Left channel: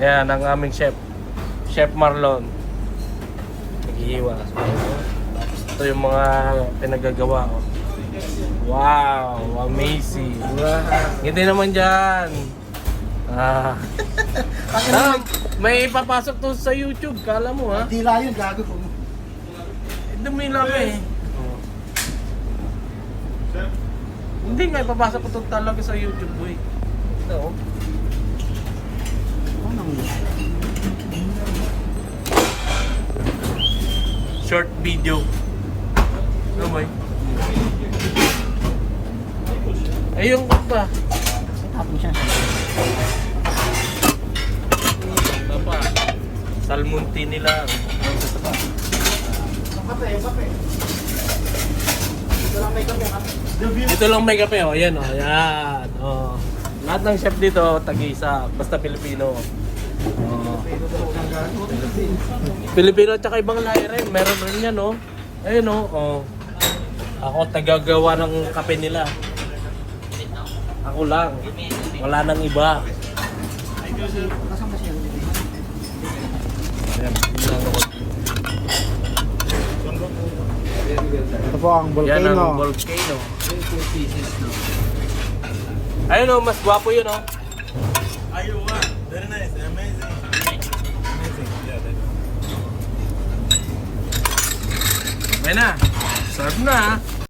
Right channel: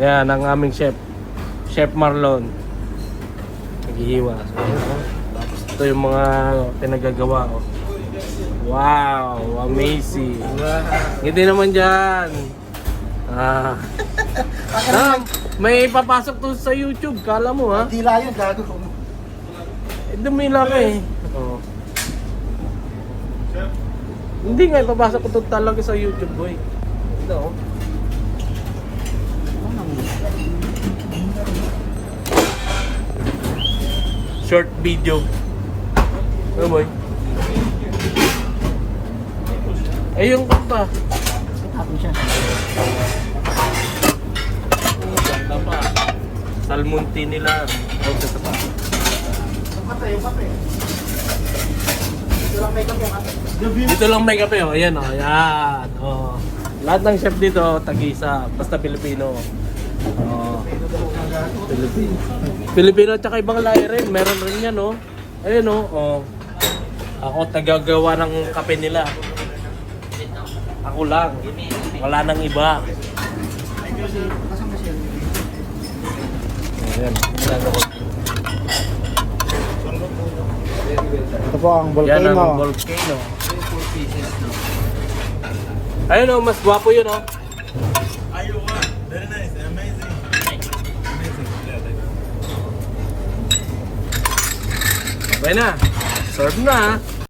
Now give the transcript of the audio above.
Yan ang aming chef. Chef Marlon. Naghihiwa. Ito yung mga pinagagawa ko. Wow, amazing. Hindi naman dyan. May ipapasok to sa YouTube, kala mo ha? Tila yun, gago. Dumila ka eh. Oh. Hindi nga, ipapasok ko to talaga sa YouTube boy. Ito oh. Short video. Ano boy? Ayun ko pa. Happy siya. Salmonti nila. Ito lang may kape oh. Ayan oh. Ayan. Oh. Lahat ng chef dito tag-isa. Basta Pilipino. Oh. Pilipino at saka ibang lahi rin. Meron rin yan oh. Ayun oh. Oh. Ako tagagawa ng kape nila. Ako lang. Wala nang iba. Ayan. Ito po ang Yan ang volcano. volcano. Ayun oh, mas gwapo yun oh. Ayun, very nice, amazing. Amazing, yeah, Okay na. Serve na.